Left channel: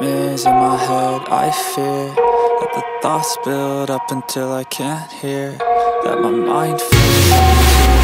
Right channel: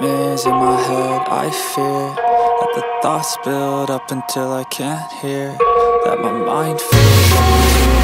nightmares in my head, I fear that the thoughts build up until I can't hear, that my mind fills up into